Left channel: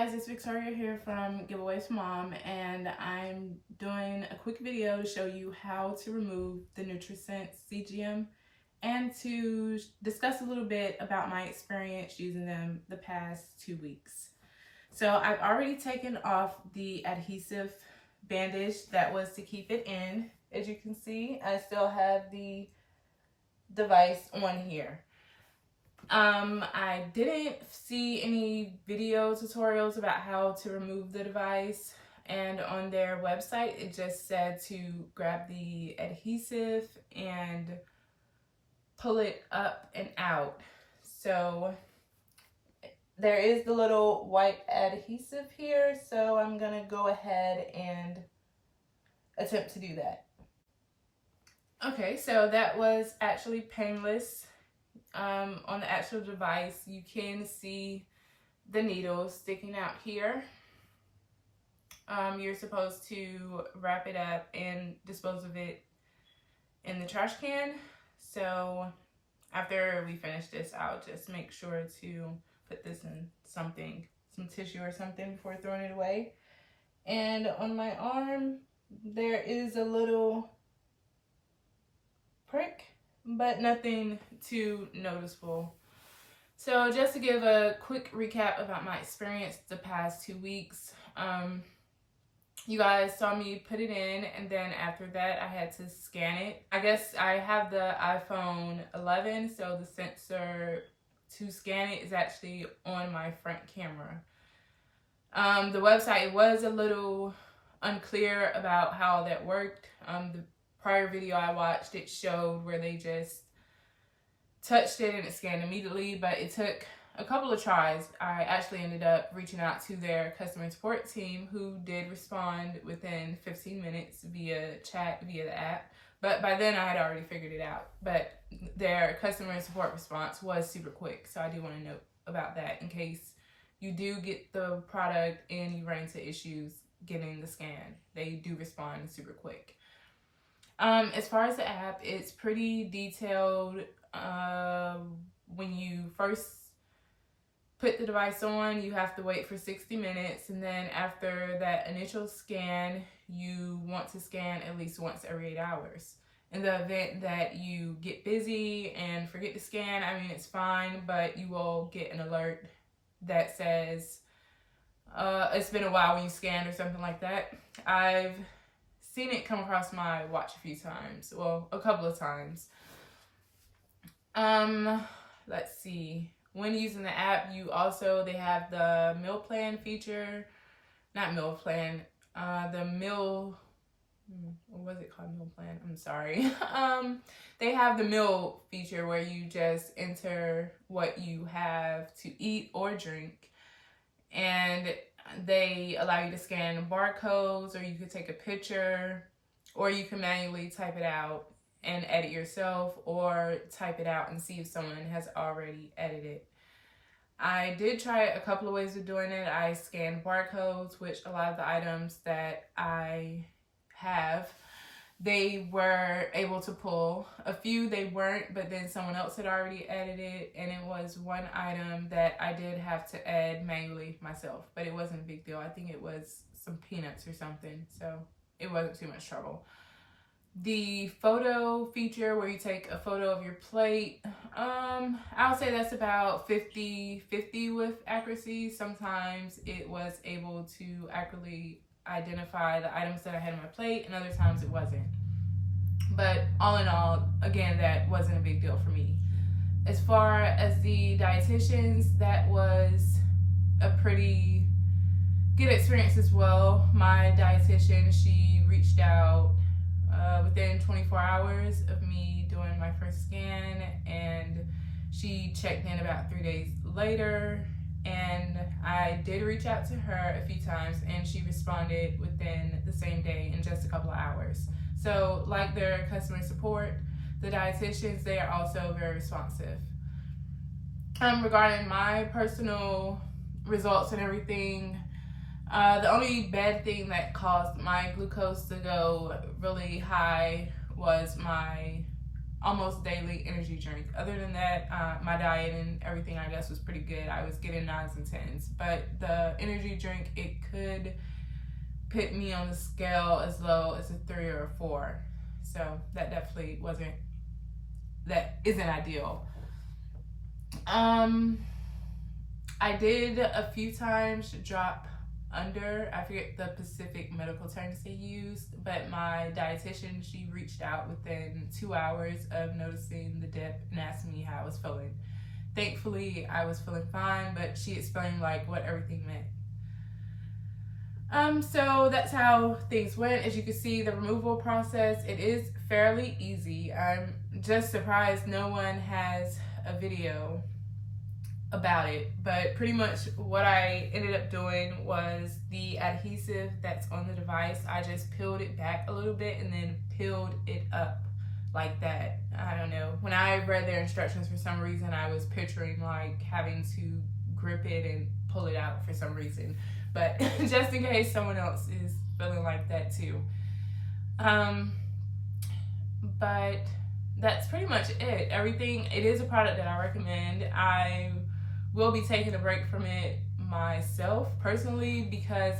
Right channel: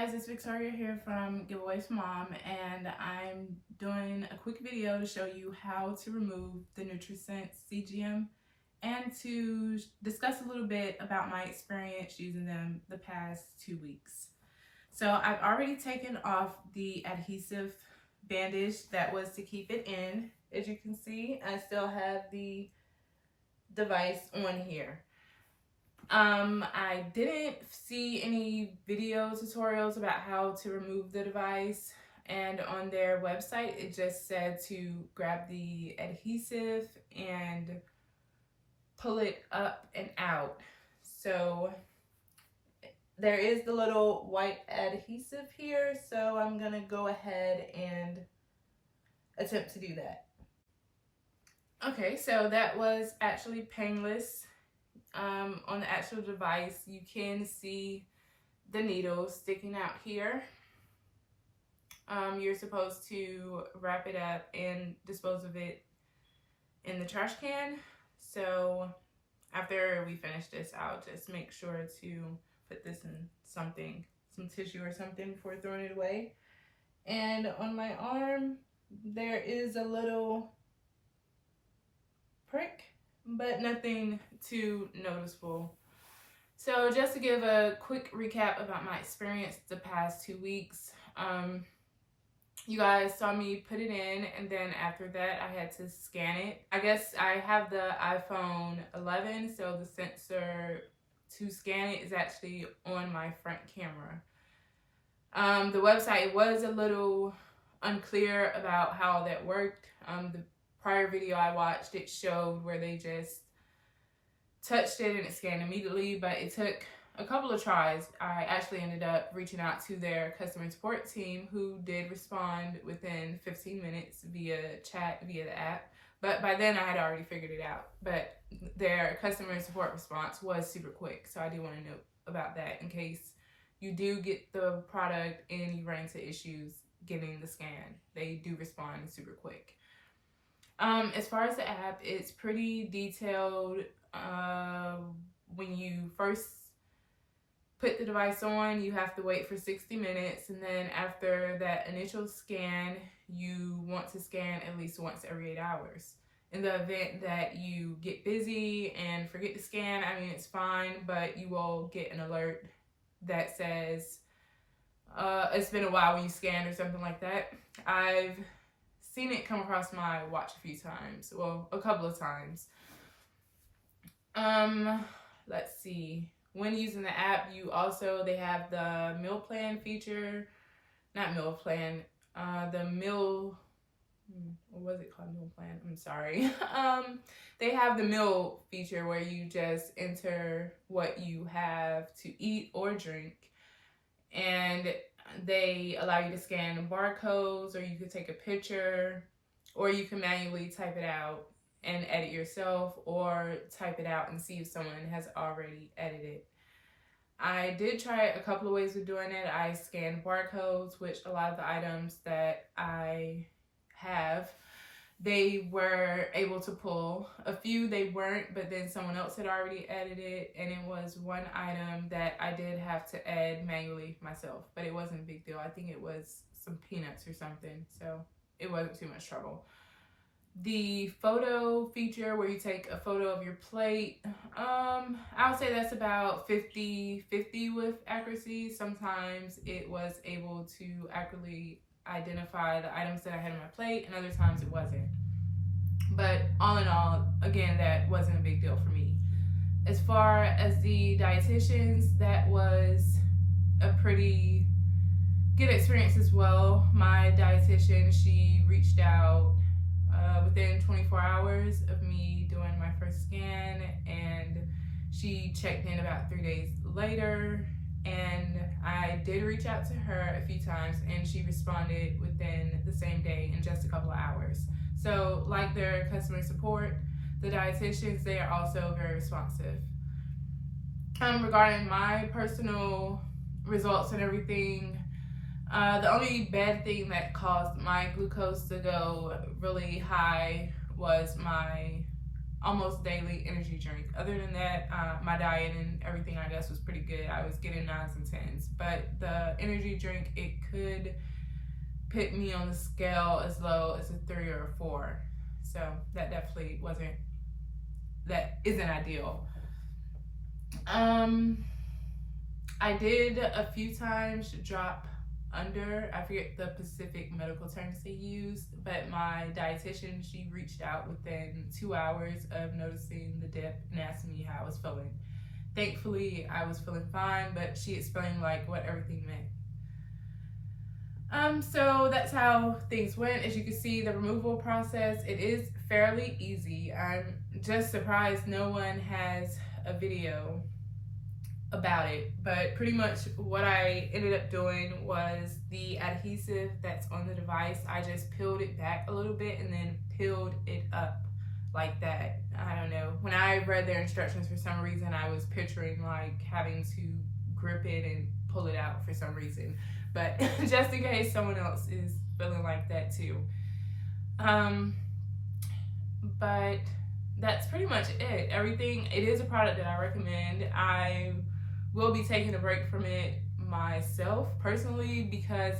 guys, it's Victoria here from Giveaways for Mom, and I'm doing a quick video to show you how to remove the Nutrisense CGM and to discuss a little bit about my experience using them the past 2 weeks. So I've already taken off the adhesive bandage that was to keep it in. As you can see, I still have the device on here. I didn't see any video tutorials about how to remove the device, and on their website it just said to grab the adhesive and pull it up and out. So there is the little white adhesive here, so I'm gonna go ahead and attempt to do that. Okay, so that was actually painless. On the actual device, you can see the needles sticking out here. You're supposed to wrap it up and dispose of it in the trash can. So after we finish this, I'll just make sure to put this in some tissue or something before throwing it away. And on my arm, there is a little prick, but nothing too noticeable. So just to give a quick recap about my experience the past 2 weeks, you guys saw me put it in, and then after that I had to scan it. I guess I have the iPhone 11, so the sensor to scan it is actually on my front camera. The website was a little unclear about how that worked. The prior video I watched, it showed where they just touched it and it scanned immediately, but it took a couple of tries. I actually ended up reaching out to their customer support team, who did respond within 15 minutes via chat, via the app. But by then I had already figured it out. But their customer support response was super quick, so I do want to note about that in case you do get the product and you run into issues getting the scan. They do respond super quick. As far as the app, it's pretty detailed. When you first put the device on, you have to wait for 60 minutes, and then after that initial scan, you want to scan at least once every 8 hours. In the event that you get busy and forget to scan, I mean, it's fine, but you will get an alert that says it's been a while when you scanned or something like that. I've seen it come across my watch a few times, well, a couple of times. Let's see. When using the app, they have the meal plan feature, not meal plan, the meal, what was it called? Meal plan? I'm sorry. They have the meal feature where you just enter what you have to eat or drink, and they allow you to scan barcodes, or you could take a picture, or you can manually type it out and edit yourself, or type it out and see if someone has already edited. I did try a couple of ways of doing it. I scanned barcodes, which a lot of the items that I have, they were able to pull. A few they weren't, but then someone else had already edited, and it was one item that I did have to add manually myself, but it wasn't a big deal. I think it was some peanuts or something, so it wasn't too much trouble. The photo feature where you take a photo of your plate, I would say that's about 50-50 with accuracy. Sometimes it was able to accurately identify the items that I had on my plate, and other times it wasn't. But all in all, again, that wasn't a big deal for me. As far as the dietitians, that was a pretty good experience as well. My dietitian, she reached out within 24 hours of me doing my first scan, and she checked in about 3 days later, and I did reach out to her a few times, and she responded within the same day in just a couple of hours. So like their customer support, the dietitians, they are also very responsive. Regarding my personal results and everything, the only bad thing that caused my glucose to go really high was my almost daily energy drink. Other than that, my diet and everything, I guess, was pretty good. I was getting 9s and 10s, but the energy drink, it could put me on the scale as low as a 3 or a 4. So that definitely isn't ideal. I did a few times drop under, I forget the specific medical terms they used, but my dietitian, she reached out within 2 hours of noticing the dip and asked me how I was feeling. Thankfully, I was feeling fine, but she explained like what everything meant. So that's how things went. As you can see, the removal process, it is fairly easy. I'm just surprised no one has a video about it, but pretty much what I ended up doing was the adhesive that's on the device, I just peeled it back a little bit and then peeled it up like that. I don't know, when I read their instructions, for some reason I was picturing like having to grip it and pull it out for some reason, but just in case someone else is feeling like that too. But that's pretty much it. Everything, it is a product that I recommend. I will be taking a break from it myself personally, because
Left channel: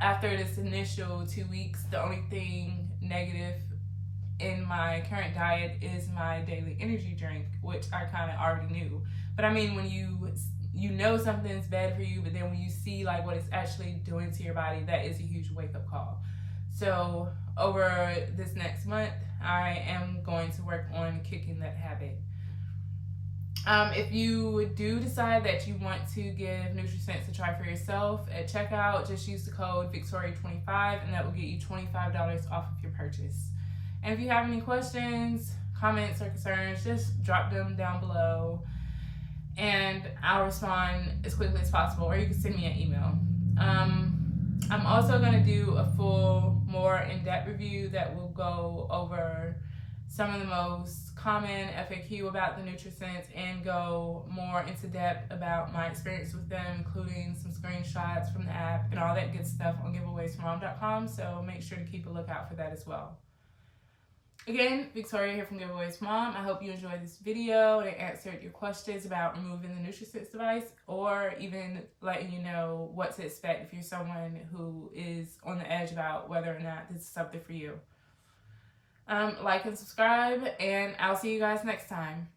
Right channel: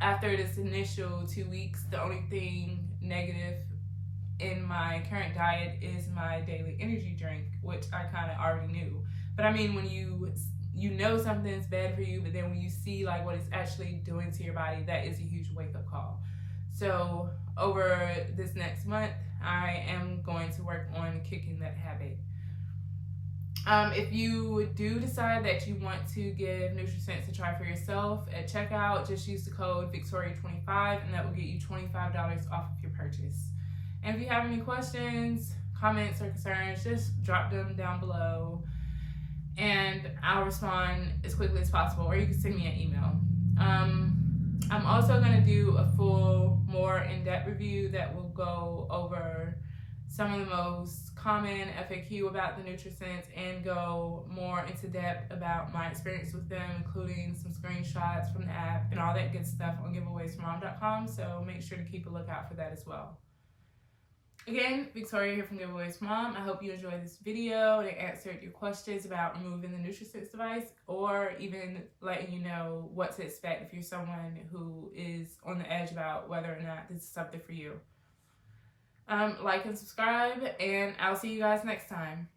after this initial 2 weeks, the only thing negative in my current diet is my daily energy drink, which I kind of already knew. But I mean, when you know something's bad for you, but then when you see like what it's actually doing to your body, that is a huge wake-up call. So over this next month, I am going to work on kicking that habit. If you do decide that you want to give Nutrisense a try for yourself, at checkout, just use the code Victoria25 and that will get you $25 off of your purchase. And if you have any questions, comments, or concerns, just drop them down below and I'll respond as quickly as possible, or you can send me an email. I'm also going to do a full, more in-depth review that will go over some of the most common FAQ about the Nutrisense and go more into depth about my experience with them, including some screenshots from the app and all that good stuff on giveawaysmom.com. So make sure to keep a lookout for that as well. Again, Victoria here from Giveaways Mom. I hope you enjoyed this video and it answered your questions about removing the Nutrisense device, or even letting you know what to expect if you're someone who is on the edge about whether or not this is something for you. Like and subscribe, and I'll see you guys next time.